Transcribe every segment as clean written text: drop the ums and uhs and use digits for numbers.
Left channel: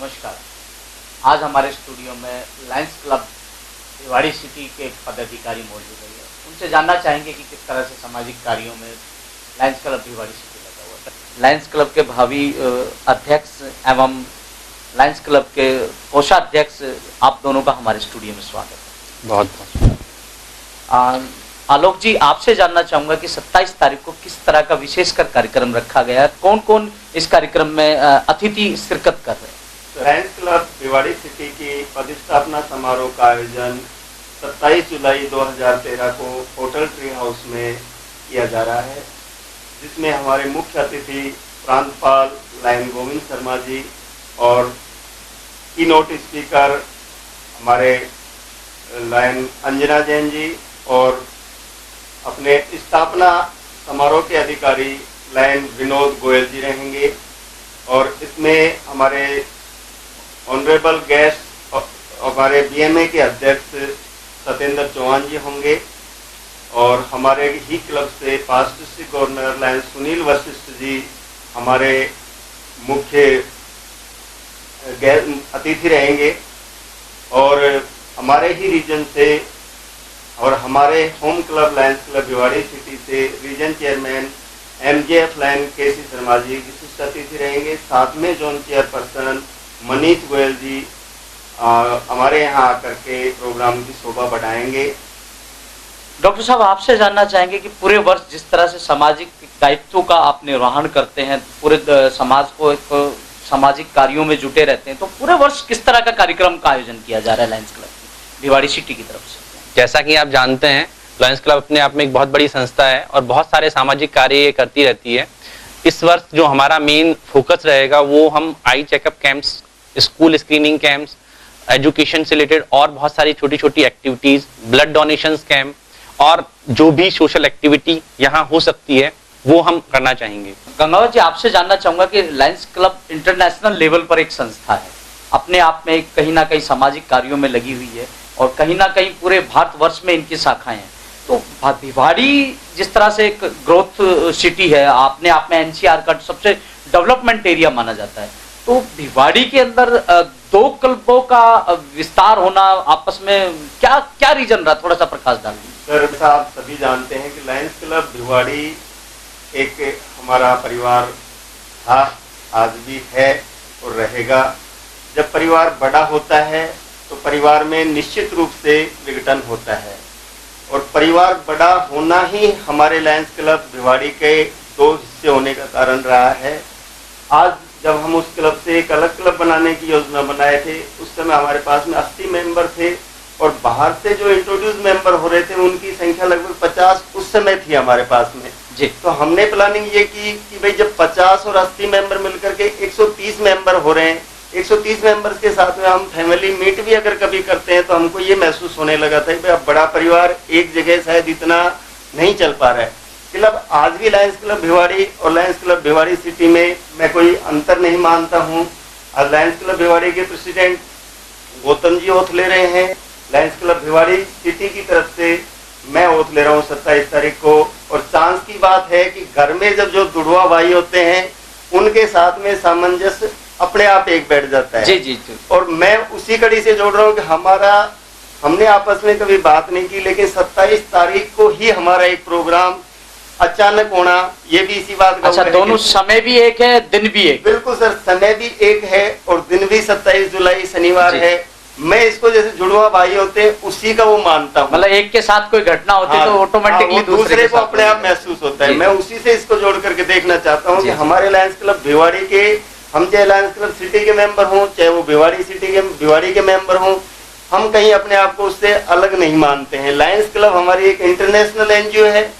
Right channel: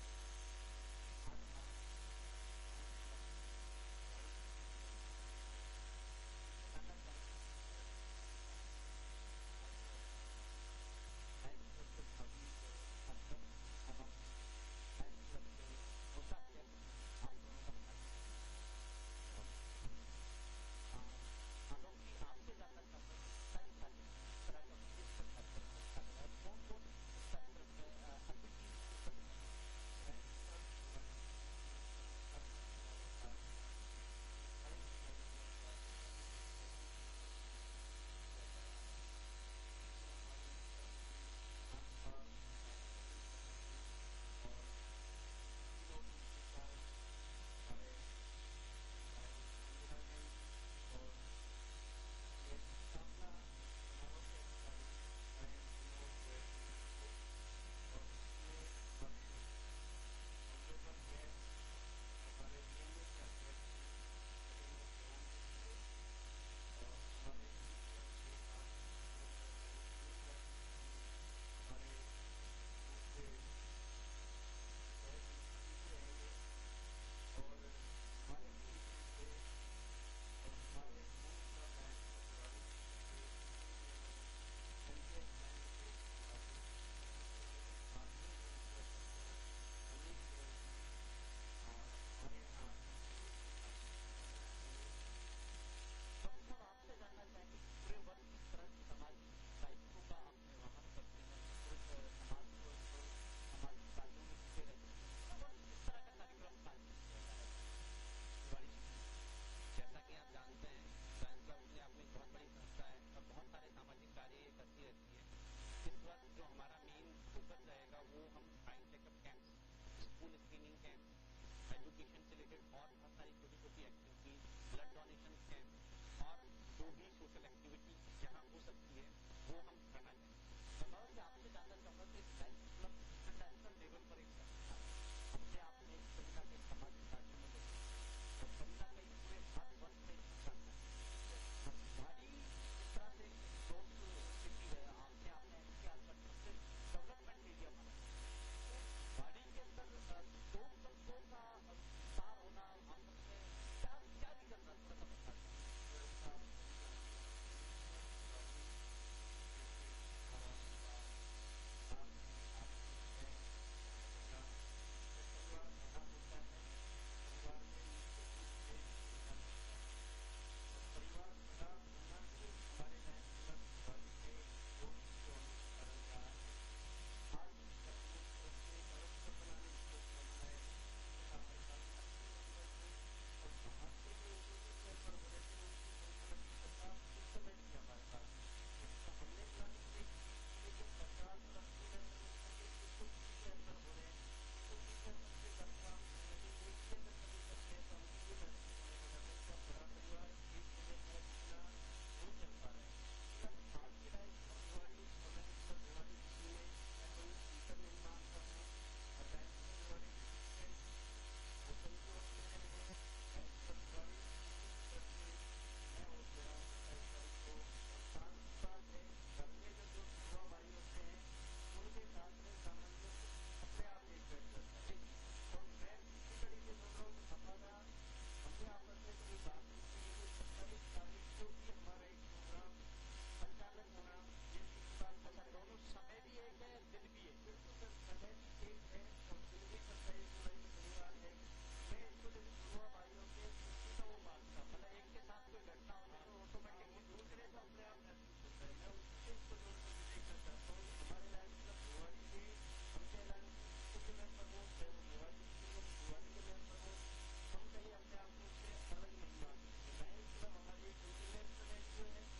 नमस्कार। आज हमारे स्टूडियो में लायंस क्लब भिवाड़ी सिटी के पदाधिकारी मौजूद है। उनसे जानना चाहेंगे कि किस तरह से सामाजिक कार्यों में लायंस क्लब भिवाड़ी सिटी लगा हुआ है। लायंस क्लब के भावी अध्यक्ष एवं लायंस क्लब के कोषाध्यक्ष, आप दोनों का हमारे स्टूडियो में स्वागत है। बहुत बहुत। आलोक जी, आपसे जानना चाहूंगा कि 27 तारीख को किस तरह का विशेषकर कार्यक्रम रखा गया है, कौन कौन इस कार्यक्रम में अतिथि शिरकत कर रहे हैं? लायंस क्लब भिवाड़ी सिटी की प्रतिष्ठापना समारोह का आयोजन 27 जुलाई 2013 को होटल ट्री हाउस में किया जा रहा है, जिसमें हमारे मुख्य अतिथि प्रांतपाल लायन गोविंद शर्मा जी और कीनोट स्पीकर हमारे लायन अंजना जैन जी और अपने स्थापना समारोह के अधिकारी लायन विनोद गोयल जी रहेंगे। और इसमें हमारे ऑनरेबल गेस्ट हमारे बीएमए के अध्यक्ष सत्येंद्र चौहान जी होंगे और हमारे ही क्लब से past district governor lion Sunil Vashishth ji हमारे मुख्य अतिथि रहेंगे। और हमारे ही रीजन से और हमारे home club Lions club Bhiwadi city से रीजन चेयरमैन एमजेएफ लायन केसी शर्मा जी विशिष्ट अतिथि रहेंगे। साथ में जोन चेयरपर्सन मनीष गोयल जी हमारे यहाँ आकर के प्रोग्राम की शोभा बढ़ाएंगे। डॉक्टर साहब, आपसे जानना चाहेंगे कि पूरे वर्ष जिस तरह से सामाजिक दायित्वों का आप निर्वहन करते हैं, पूरे समाज को एक सामाजिक कार्यों में जुटे रहते हैं, तो पूरे वर्ष किस तरह का कार्यक्रम का आयोजन किया जा रहा है लायंस क्लब भिवाड़ी सिटी की तरफ से? जैसा कि आप जानते हैं, लायंस क्लब अपने आप में एक बहुत बड़ी संस्था है और बहुत सारे सामाजिक कार्य करती रहती है। इस वर्ष जो हमारा मेन फोकस रहेगा वो हम eye checkup camps, school screening camps, education से रिलेटेड और बहुत सारी छोटी छोटी एक्टिविटीज, ब्लड डोनेशंस कैंप और जो भी सोशल एक्टिविटी यहाँ हो सकती है वो हम करना चाहेंगे। गंगावत जी, आपसे जानना चाहूंगा कि लायंस क्लब इंटरनेशनल लेवल पर एक संस्था है, अपने आप में कहीं ना कहीं सामाजिक कार्यों में लगी हुई है और कहीं ना कहीं पूरे भारतवर्ष में इनकी शाखाएं हैं। तो भिवाड़ी जिस तरह से एक ग्रोथ सिटी है, अपने आप में एनसीआर का सबसे डेवलपमेंट एरिया माना जाता है, तो भिवाड़ी के अंदर दो क्लबों का विस्तार होना आपस में क्या क्या रीजन रहा, थोड़ा सा प्रकाश डाल दीजिए। सर, आप सभी जानते हैं कि लायंस क्लब भिवाड़ी एक हमारा परिवार था, आज भी है और रहेगा। जब परिवार बड़ा होता है तो परिवार में निश्चित रूप से विघटन होता है और परिवार बड़ा होना ही हमारे लायंस क्लब भिवाड़ी के दो हिस्से होने का कारण रहा है। आज जब हम उस क्लब से एक अलग क्लब बनाने की योजना बनाए थे, उस समय हमारे पास में 80 मेंबर थे और बाहर से जो इंट्रोड्यूस मेंबर हो रहे थे उनकी संख्या लगभग 50 उस समय थी हमारे पास में जी। तो हमने प्लानिंग ये की कि भाई जब 50 और 80 मेंबर मिलकर के 130 मेंबर हो रहे हैं, 130 मेंबर्स के साथ में हम फैमिली मीट भी अगर कभी करते हैं तो हमको ये महसूस होने लगा था कि अब बड़ा परिवार एक जगह शायद इतना नहीं चल पा रहा है। क्लब आज भी लायंस क्लब भिवाड़ी और लायंस क्लब भिवाड़ी सिटी में मैं कोई अंतर नहीं मानता हूँ। आज लायंस क्लब भिवाड़ी के प्रेसिडेंट गौतम जी ओथ ले रहे हैं, लायंस क्लब भिवाड़ी सिटी की तरफ से मैं ओथ ले रहा हूँ 27 तारीख को। और चांस की बात है कि घर में जब जो जुड़वा भाई होते हैं उनके साथ में सामंजस्य अपने आप एक बैठ जाता है जी जी जी। और मैं उसी कड़ी से जोड़ रहा हूँ कि हमने आपस में कभी बात नहीं की, लेकिन 27 तारीख को ही हमारा एक प्रोग्राम अचानक होना, ये भी इसी बात का। अच्छा, दोनों समय भी एक है, दिन भी एक? बिल्कुल सर, समय भी एक है और दिन भी 27 जुलाई शनिवार है। मैं इसको जैसे जुड़वा भाई होते हैं उसी का वो मानता हूँ। मतलब एक के साथ कोई घटना होती है तो ऑटोमेटिकली दूसरे को अपने आप महसूस होता है। मैं उसी से इसको जोड़ करके देखना चाहता हूँ कि हमारे लायंस क्लब भिवाड़ी के, हम चाहे लायंस क्लब सिटी के मेंबर हों चाहे वो भिवाड़ी के मेंबर हों, हम कहीं अपने आप को उससे अलग नहीं मानते हैं। लायंस क्लब हमारी एक इंटरनेशनल एनजीओ है।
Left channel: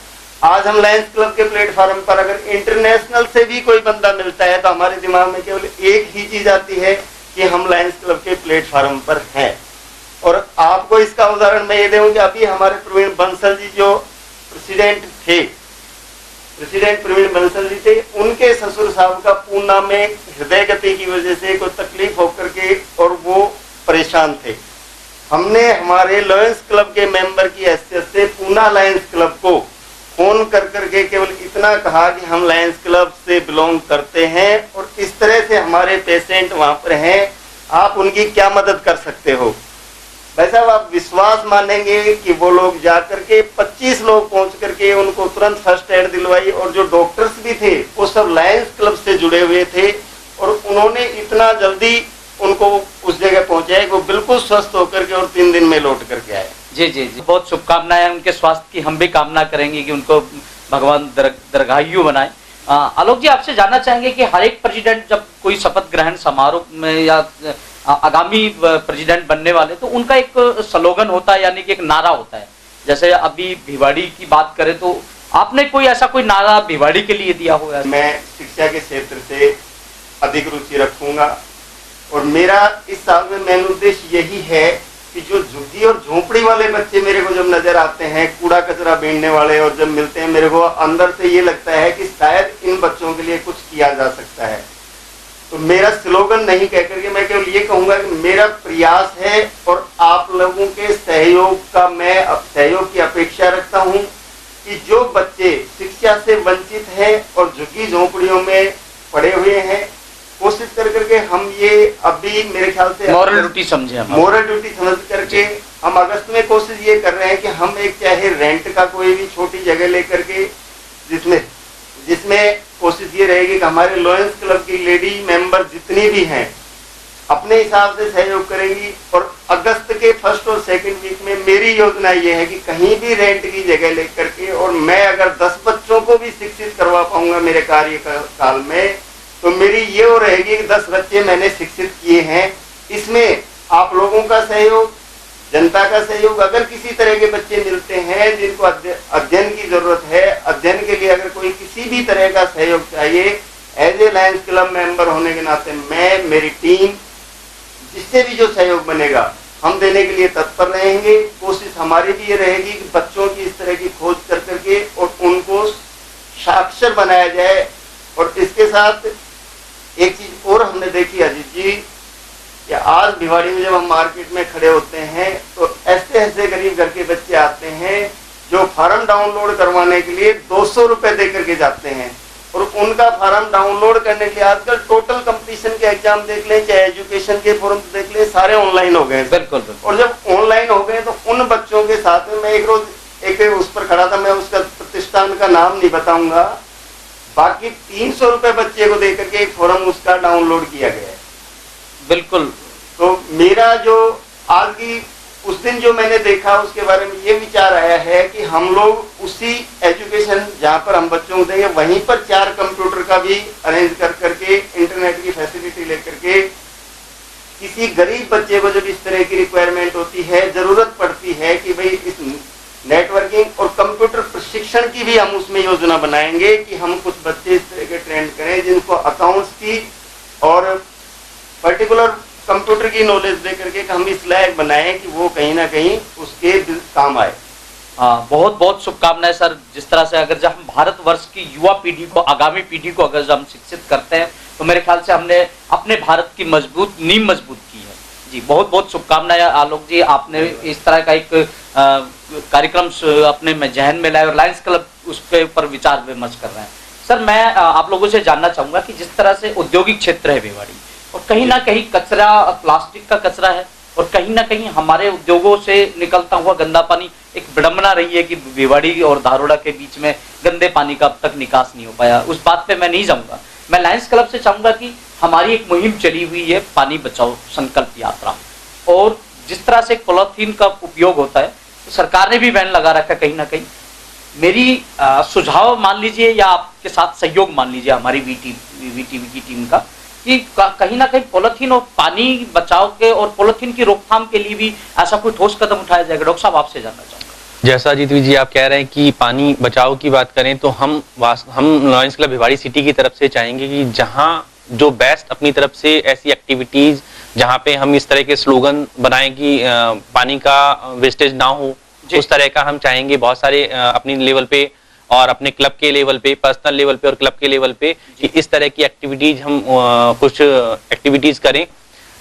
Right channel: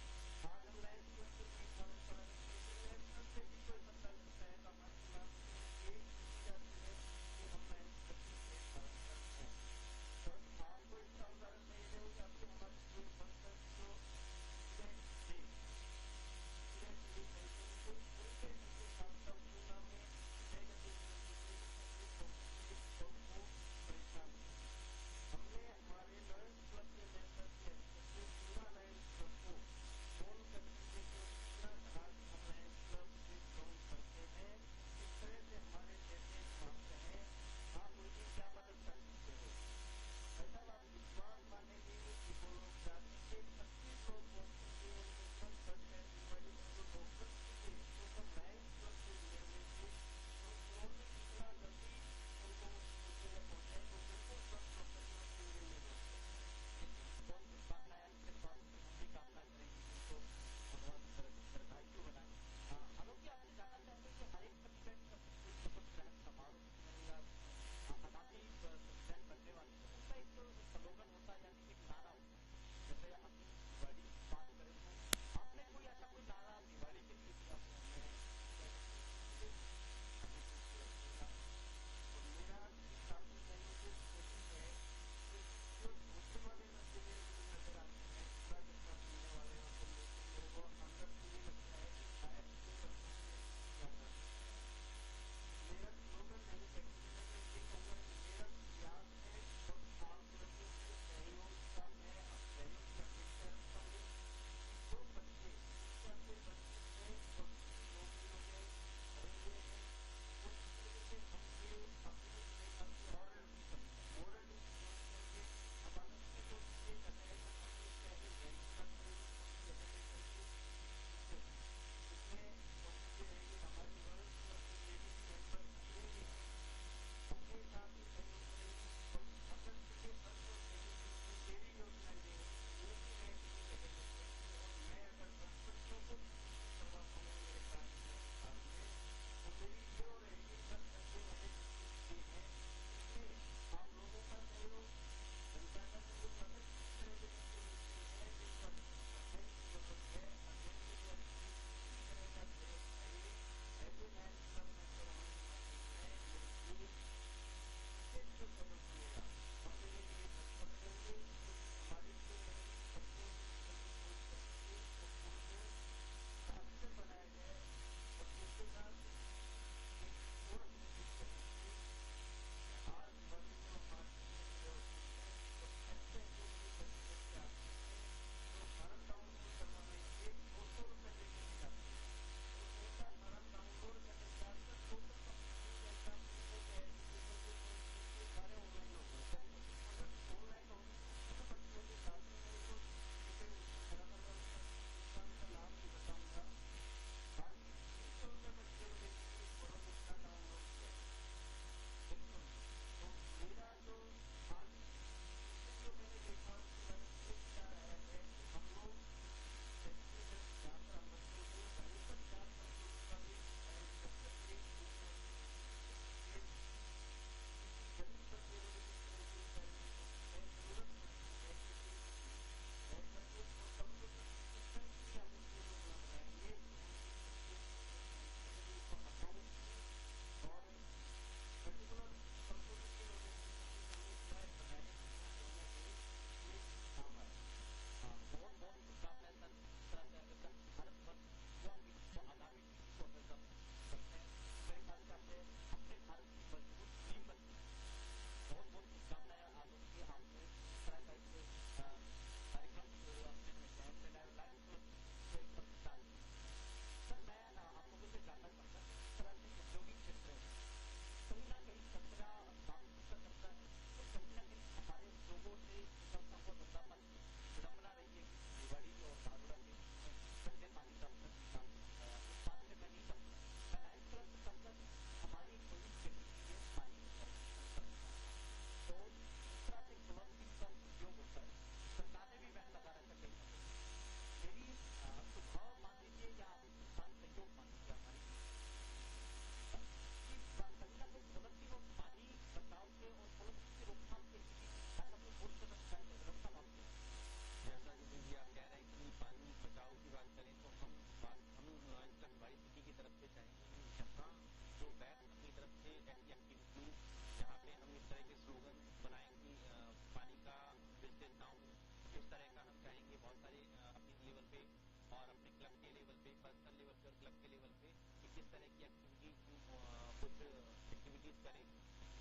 आज हम लायंस क्लब के प्लेटफॉर्म पर अगर इंटरनेशनल से भी कोई बंदा मिलता है तो हमारे दिमाग में केवल एक ही चीज आती है कि हम लायंस क्लब के प्लेटफॉर्म पर हैं। और आपको इसका उदाहरण मैं ये दूं कि अभी हमारे प्रवीण बंसल जी जो प्रेसिडेंट प्रवीण बंसल जी थे, उनके ससुर साहब का पूना में हृदय गति की वजह से कोई तकलीफ होकर के और वो परेशान थे। हमने हमारे लायंस क्लब के मेंबर की हैसियत से पूना लायंस क्लब को फोन कर करके केवल इतना कहा कि हम लायंस क्लब से बिलोंग करते हैं और इस तरह से हमारे पेशेंट वहां पर हैं आप उनकी क्या मदद कर सकते हो। भाई साहब, आप विश्वास मानेंगे कि वो लोग जाकर के 25 लोग पहुंच करके उनको तुरंत फर्स्ट एड दिलवाई, और जो डॉक्टर्स भी थे वो सब लायंस क्लब से जुड़े हुए थे, और उन्होंने इतना जल्दी उनको उस जगह पहुंचाया कि वो बिल्कुल स्वस्थ होकर के और 3 दिन में लौट करके आए। जी जी जी, बहुत शुभकामनाएं उनके स्वास्थ्य की। हम भी कामना करेंगे कि उनको भगवान दीर्घायु बनाए। आलोक जी, आपसे जानना चाहेंगे कि हर एक प्रेसिडेंट जब कोई शपथ ग्रहण समारोह में या आगामी प्रेसिडेंट बनने वाले, तो उनका एक स्लोगन होता है, यानी कि एक नारा होता है। जैसे अभी भिवाड़ी की बात करें तो आपने कोई ऐसा कोई नारा भिवाड़ी के लिए दिया हो? मैं शिक्षा के क्षेत्र से अधिक रुचि रखूंगा, और मेरा इस साल में मेन उद्देश्य यही है कि जो झुग्गी और झोपड़ी वाले बच्चे मेरे को जब नजर आते हैं, कूड़ा कचरा बीनने वाले, और जब मिलते हैं, मेरे को अंदर से ये लगता है कि शायद इन बच्चों के लिए कुछ किया जा सकता है। तो मेरा स्लोगन नहीं कह करके मैं केवल ये कहूंगा कि मेरा प्रयास है, और आप लोगों के सहयोग का मैं सहयोग की अपेक्षा रखता हूं कि जो बच्चे शिक्षा से वंचित हैं और झुग्गी झोपड़ियों में पड़े हुए हैं, कोशिश कर करके हम ये अभी मेरे ख्याल से मॉरल ड्यूटी समझे, हम मॉरल ड्यूटी समझ करके हम अगस्त में कोशिश ये कर रहे हैं कि हम एक चाहे रेंट का कोई भी छोटी जगह लेकर के, जिसमें कोशिश ये रहेगी कि हमारे लॉयंस क्लब की लेडी मेंबर जितनी भी हैं अपने हिसाब से सहयोग करेंगी, और अगस्त के फर्स्ट और सेकंड वीक में मेरी योजना ये है कि कहीं भी रेंट की जगह लेकर के, और मैं अगर 10 बच्चों को भी शिक्षित करवा पाऊंगा मेरे कार्यकाल में, तो मेरी ये हो रहेगी कि 10 बच्चे मैंने शिक्षित किए हैं। इसमें आप लोगों का सहयोग, जनता का सहयोग, अगर किसी तरह के बच्चे मिलते हैं जिनको अध्ययन की जरूरत है, अध्ययन के लिए अगर कोई किसी भी तरह का सहयोग चाहिए, as a Lions Club member होने के नाते मैं, मेरी टीम, जिससे भी जो सहयोग बनेगा हम देने के लिए तत्पर रहेंगे। कोशिश हमारी भी ये रहेगी कि बच्चों की इस तरह की खोज कर करके और उनको साक्षर बनाया जाए। और इसके साथ एक चीज और हमने देखी अजीत जी, कि आज भिवाड़ी में जब हम मार्केट में खड़े होते हैं तो ऐसे ऐसे गरीब घर के बच्चे आते हैं जो फार्म डाउनलोड करवाने के लिए 200 रुपए दे करके जाते हैं, और उनका फार्म डाउनलोड करने के लिए आजकल टोटल कंपटीशन के एग्जाम देख लें, चाहे एजुकेशन के फॉर्म देख लें, सारे ऑनलाइन हो गए। बिल्कुल। और जब ऑनलाइन हो गए तो उन बच्चों के साथ में मैं एक रोज एक उस पर खड़ा था, मैं उसका प्रतिष्ठान का नाम नहीं बताऊंगा, बाकी 300 रुपए बच्चे को देकर के एक फॉर्म उसका डाउनलोड किया गया है। बिल्कुल। तो मेरा जो आज की उस दिन जो मैंने देखा उसके बारे में ये विचार आया है कि हम लोग उसी एजुकेशन जहाँ पर हम बच्चों को देंगे वहीं पर 4 कंप्यूटर का भी अरेंज कर करके, इंटरनेट की फैसिलिटी लेकर के, किसी गरीब बच्चे को जब इस तरह की रिक्वायरमेंट होती है, जरूरत पड़ती है कि भाई इस नेटवर्किंग और कंप्यूटर प्रशिक्षण की भी हम उसमें योजना बनाएंगे कि हम कुछ बच्चे इस तरह के ट्रेंड करें जिनको अकाउंट्स की और पर्टिकुलर कंप्यूटर की नॉलेज दे करके हम इस लायक बनाएं कि वो कहीं ना कहीं उसके काम आए। हाँ, बहुत बहुत शुभकामनाएं सर। जिस तरह से अगर जब हम भारतवर्ष की युवा पीढ़ी को, आगामी पीढ़ी को अगर हम शिक्षित करते हैं तो मेरे ख्याल से हमने अपने भारत की नींव मजबूत की है। जी, बहुत बहुत शुभकामनाएं आलोक जी। आपने इस तरह का एक कार्यक्रम अपने में जहन में लाए और लायंस क्लब उसके ऊपर विचार विमर्श कर रहे हैं। सर, मैं आप लोगों से जानना चाहूंगा कि जिस तरह से औद्योगिक क्षेत्र है भिवाड़ी, और कहीं ना कहीं कचरा, प्लास्टिक का कचरा है, और कहीं ना कहीं हमारे उद्योगों से निकलता हुआ गंदा पानी, एक विडंबना रही है कि भिवाड़ी और धारोड़ा के बीच में गंदे पानी का अब तक निकास नहीं हो पाया। उस बात पे मैं नहीं जाऊंगा। मैं लायंस क्लब से चाहूंगा कि हमारी एक मुहिम चली हुई है पानी बचाओ संकल्प यात्रा, और जिस तरह से पॉलीथीन का उपयोग होता है तो सरकार ने भी बैन लगा रखा है। कहीं ना कहीं मेरी सुझाव मान लीजिए या आपके साथ सहयोग मान लीजिए हमारी वीटीवी की टीम का, कि कहीं ना कहीं पॉलीथीन और पानी बचाव के और पॉलीथीन की रोकथाम के लिए भी ऐसा कोई ठोस कदम उठाया जाएगा। डॉक्टर साहब, आपसे जानना चाहूंगा। जैसा जीतवी जी आप कह रहे हैं कि पानी बचाव की बात करें, तो हम लायंस क्लब भिवाड़ी सिटी की तरफ से चाहेंगे कि जहां जो बेस्ट अपनी तरफ से ऐसी एक्टिविटीज जहां पे हम इस तरह के स्लोगन बनाएं कि पानी का वेस्टेज ना हो, उस तरह का हम चाहेंगे बहुत सारे अपनी लेवल पे और अपने क्लब के लेवल पे, पर्सनल लेवल पे और क्लब के लेवल पे कि इस तरह की एक्टिविटीज हम कुछ एक्टिविटीज करें।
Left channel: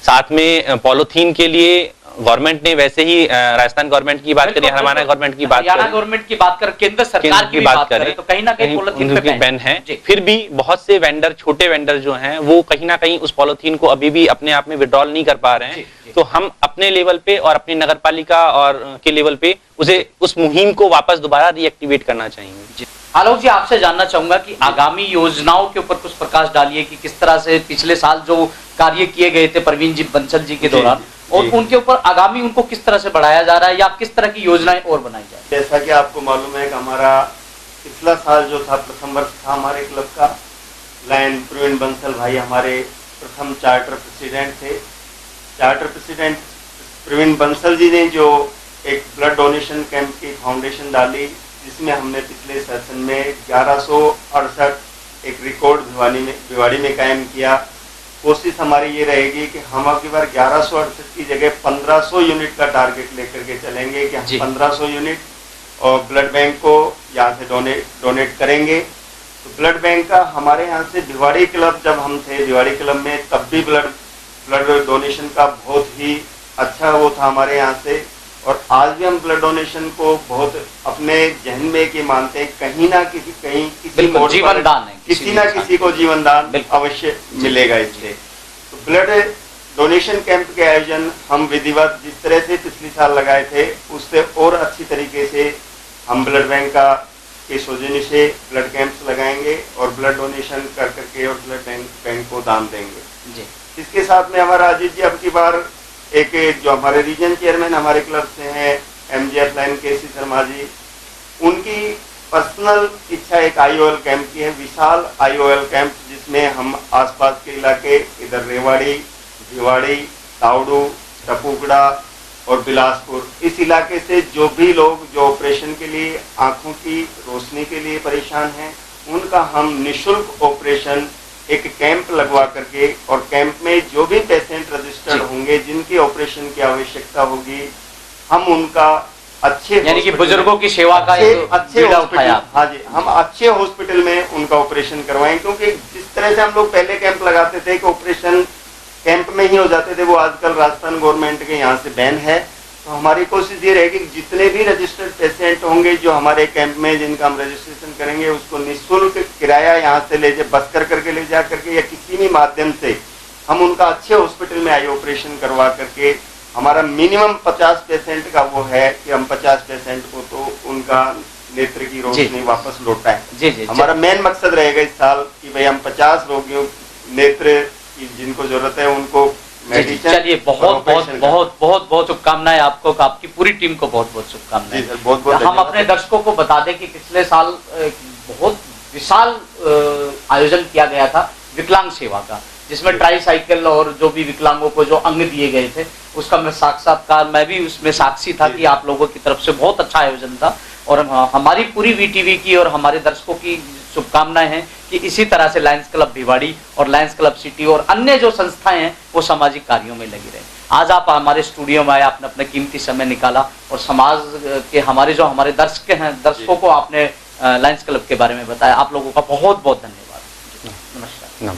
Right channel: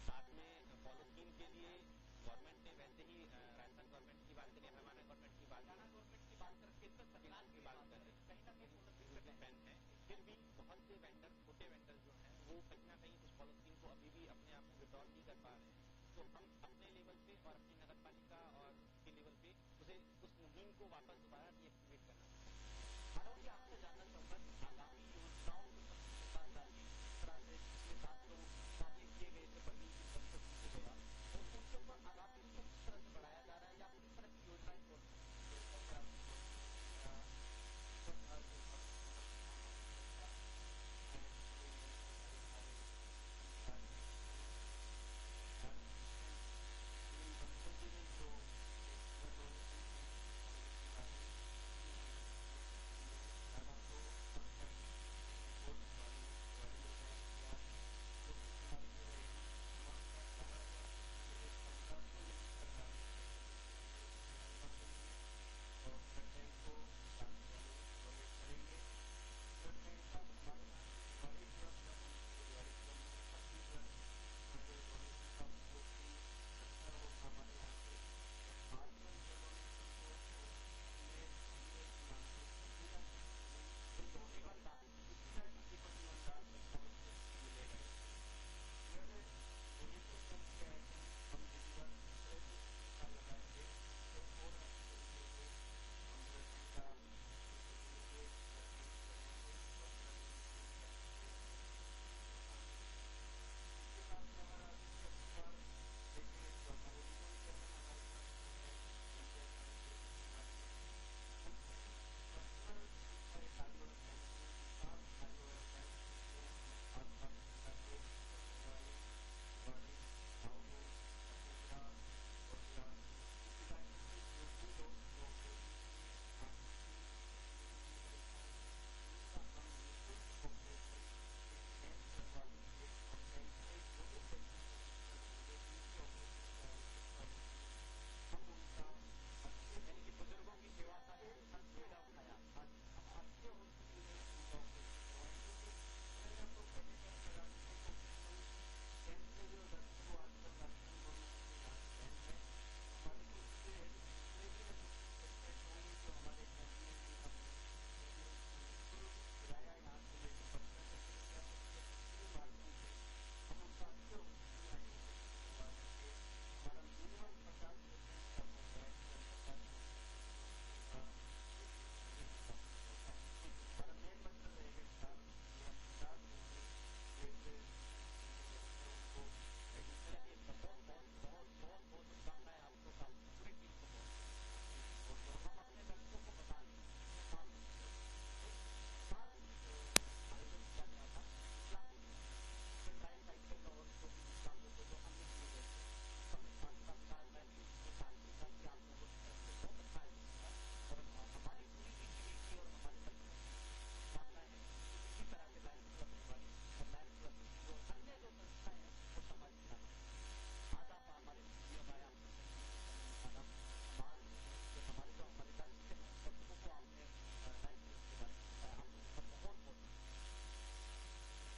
साथ में पॉलीथीन के लिए गवर्नमेंट ने वैसे ही राजस्थान गवर्नमेंट की बात करें, हरियाणा गवर्नमेंट की बात हरियाणा करें, गवर्नमेंट की बात करें, केंद्र सरकार की भी बात करें, तो कहीं ना कहीं पॉलिथीन पे बैन है। जी। फिर भी बहुत से वेंडर, छोटे वेंडर जो हैं, वो कहीं ना कहीं उस पॉलिथीन को अभी भी अपने आप में विड्रॉल नहीं कर पा रहे जी, हैं। जी। तो हम अपने लेवल पे और अपनी नगर पालिका और के लेवल पे उस मुहिम को वापस दोबारा रीएक्टिवेट करना चाहिए। आलोक जी, आपसे जानना चाहूंगा कि आगामी योजनाओं के ऊपर कुछ प्रकाश डालिए कि किस तरह से पिछले साल जो कार्य किए गए थे प्रवीण जी बंसल जी के दौरान, और उनके ऊपर आगामी उनको किस तरह से बढ़ाया जा रहा है या किस तरह की योजनाएं और बनाई जा रही है। जैसा कि आपको मालूम है कि हमारा पिछला साल जो था, प्रथम वर्ष था हमारे क्लब का, लायन प्रवीण बंसल भाई हमारे प्रथम चार्टर प्रेसिडेंट थे। चार्टर प्रेसिडेंट प्रवीण बंसल जी ने जो एक ब्लड डोनेशन कैंप की फाउंडेशन डाली, जिसमें हमने पिछले सेशन में 1168 एक रिकॉर्ड भिवाड़ी में कायम किया। कोशिश हमारी ये रहेगी कि हम अगली बार 1168 की जगह 1500 यूनिट का टारगेट लेकर के चलेंगे कि हम 1500 यूनिट और ब्लड बैंक को यहाँ से डोनेट करेंगे। तो ब्लड बैंक का हमारे यहाँ से भिवाड़ी क्लब, जब हम थे भिवाड़ी क्लब में, तब भी ब्लड डोनेशन का बहुत ही अच्छा वो था हमारे यहाँ से। और आज भी हम ब्लड डोनेशन को बहुत अपने जहन में कि मानते हैं, कहीं ना किसी मोड़ जीवन दान है, किसी ना किसी को जीवन दान अवश्य मिलेगा इससे। तो ब्लड डोनेशन कैंप के आयोजन हम विधिवत जिस तरह से पिछले साल लगाए थे, उससे और अच्छी तरीके से हम ब्लड बैंक के सौजन्य से ब्लड कैंप्स लगाएंगे और ब्लड डोनेशन कर करके और ब्लड बैंक को दान देंगे जी। इसके साथ में हमारा अजीत जी अब की बार एक जो हमारे रीजन चेयरमैन हमारे क्लब से हैं, MGF लाइन केसी शर्मा जी, उनकी पर्सनल इच्छा एक IOL कैंप की है, विशाल IOL कैंप, जिसमें हम आसपास के इलाके, इधर रेवाड़ी, भिवाड़ी, तावड़ू, टपुकड़ा और बिलासपुर, इस इलाके से जो भी लोग जो ऑपरेशन के लिए, आंखों की रोशनी के लिए परेशान हैं, उनका हम निःशुल्क ऑपरेशन एक कैंप लगवा करके, और कैंप में जो भी पेशेंट रजिस्टर्ड होंगे जिनकी ऑपरेशन की आवश्यकता होगी, हम उनका अच्छे, यानी कि बुजुर्गों की सेवा का अच्छे हॉस्पिटल, हाँ जी, हम अच्छे हॉस्पिटल में उनका ऑपरेशन करवाएं। क्योंकि जिस तरह से हम लोग पहले कैंप लगाते थे कि ऑपरेशन कैंप में ही हो जाते थे, वो आजकल राजस्थान गवर्नमेंट के यहाँ से बैन है। तो हमारी कोशिश ये रहेगी कि जितने भी रजिस्टर्ड पेशेंट होंगे जो हमारे कैंप में, जिनका हम रजिस्ट्रेशन करेंगे, उसको निःशुल्क किराया यहाँ से ले बस करके ले जा करके या किसी भी माध्यम से हम उनका अच्छे हॉस्पिटल में आई ऑपरेशन करवा करके, हमारा मिनिमम 50 पेशेंट का वो है कि हम 50 पेशेंट को तो उनका नेत्र की रोशनी वापस लौटाएं। जी। हमारा मेन मकसद रहेगा इस साल कि भाई हम 50 रोगियों नेत्र की जिनको जरूरत है उनको चलिए, बहुत शुभकामनाएं आपको, आपकी पूरी टीम को बहुत शुभकामनाएं। हम अपने दर्शकों को बता दें कि पिछले साल बहुत विशाल आयोजन किया गया था विकलांग सेवा का, जिसमें ट्राईसाइकिल और जो भी विकलांगों को जो अंग दिए गए थे, उसका मैं साक्षात्कार, मैं भी उसमें साक्षी था कि आप लोगों की तरफ से बहुत अच्छा आयोजन था। और हमारी पूरी VTV की और हमारे दर्शकों की शुभकामनाएं हैं कि इसी तरह से लायंस क्लब भिवाड़ी और लायंस क्लब सिटी और अन्य जो संस्थाएं हैं वो सामाजिक कार्यों में लगी रहे। आज आप हमारे स्टूडियो में आए, आपने अपना कीमती समय निकाला और समाज के हमारे दर्शक हैं, दर्शकों को आपने लायंस क्लब के बारे में बताया। आप लोगों का बहुत धन्यवाद। नमस्कार।